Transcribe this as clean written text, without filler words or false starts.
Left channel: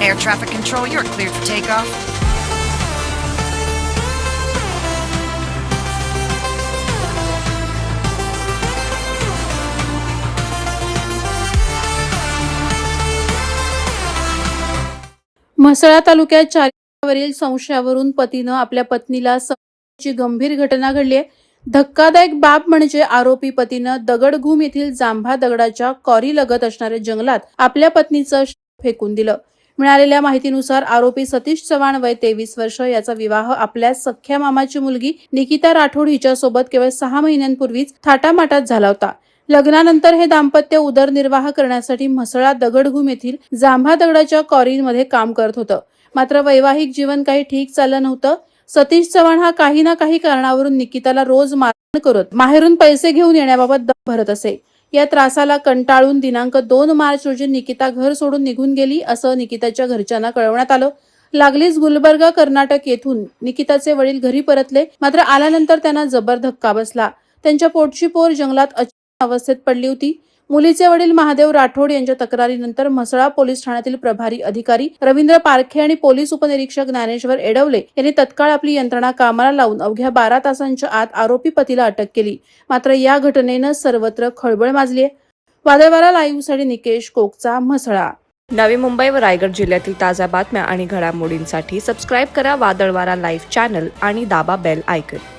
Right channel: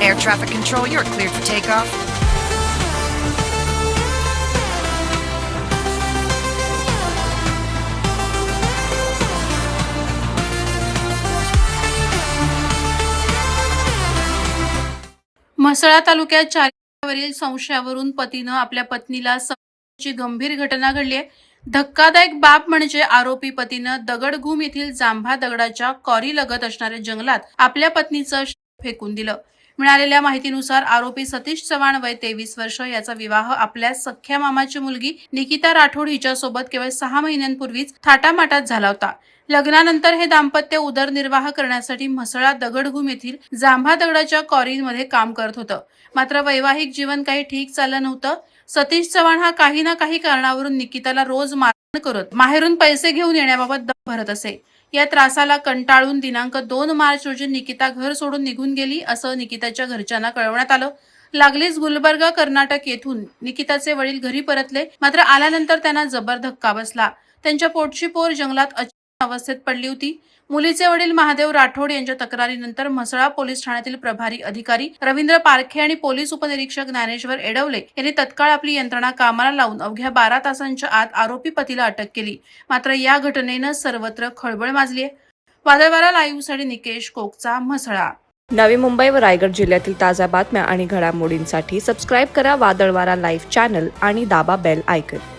Air traffic control, you're cleared for takeoff. Mhasala तालुक्यात चारित्र्यावरील संशयावरून पतीनं आपल्या पत्नीला ची गंभीर घटना घडली आहे. धक्कादायक बाब म्हणजे आरोपी पतीनं दगडघूम येथील जांभा दगडाच्या कॉरी लगत असणाऱ्या जंगलात आपल्या पत्नीचं शव फेकून दिलं. मिळालेल्या माहितीनुसार आरोपी सतीश चव्हाण वय 23 वर्ष याचा विवाह आपल्या सख्या मामाची मुलगी निकिता राठोड हिच्यासोबत केवळ 6 महिन्यांपूर्वीच थाटामाटात झाला होता. लग्नानंतर हे दाम्पत्य उदरनिर्वाह करण्यासाठी म्हसळा दगडघूम येथील जांभा दगडाच्या कॉरीमध्ये काम करत होतं. मात्र वैवाहिक जीवन काही ठीक चाललं नव्हतं. सतीश चव्हाण हा काही ना काही कारणावरून निकिताला रोज मारहाण करत माहेरून पैसे घेऊन येण्याबाबत दम भरत असे. या त्रासाला कंटाळून दिनांक 2 मार्च रोजी निकिता घर सोडून निघून गेली असं निकिताच्या घरच्यांना कळवण्यात आलं. लागलीच गुलबर्गा कर्नाटक येथून निकिताचे वडील घरी परतले. मात्र आल्यानंतर त्यांना जबर धक्का बसला. त्यांच्या पोटची पोर जंगलात अचानक अवस्थेत पडली होती. मुलीचे वडील महादेव राठोड यांच्या तक्रारीनंतर म्हसळा पोलीस ठाण्यातील प्रभारी अधिकारी रवींद्र पारखे आणि पोलीस उपनिरीक्षक ज्ञानेश्वर एडवले यांनी तत्काळ आपली यंत्रणा कामाला लावून अवघ्या 12 तासांच्या आत आरोपी पतीला अटक केली. मात्र या घटनेनं सर्वत्र खळबळ माजली आहे. वादळवारा लाईव्हसाठी निकेश कोकचा, म्हसळा. नवी मुंबई व रायगड जिल्ह्यातील ताज्या बातम्या आणि घडामोडींसाठी सबस्क्राईब करा वादळवारा लाईव्ह चॅनल आणि दाबा बेल आयकॉन.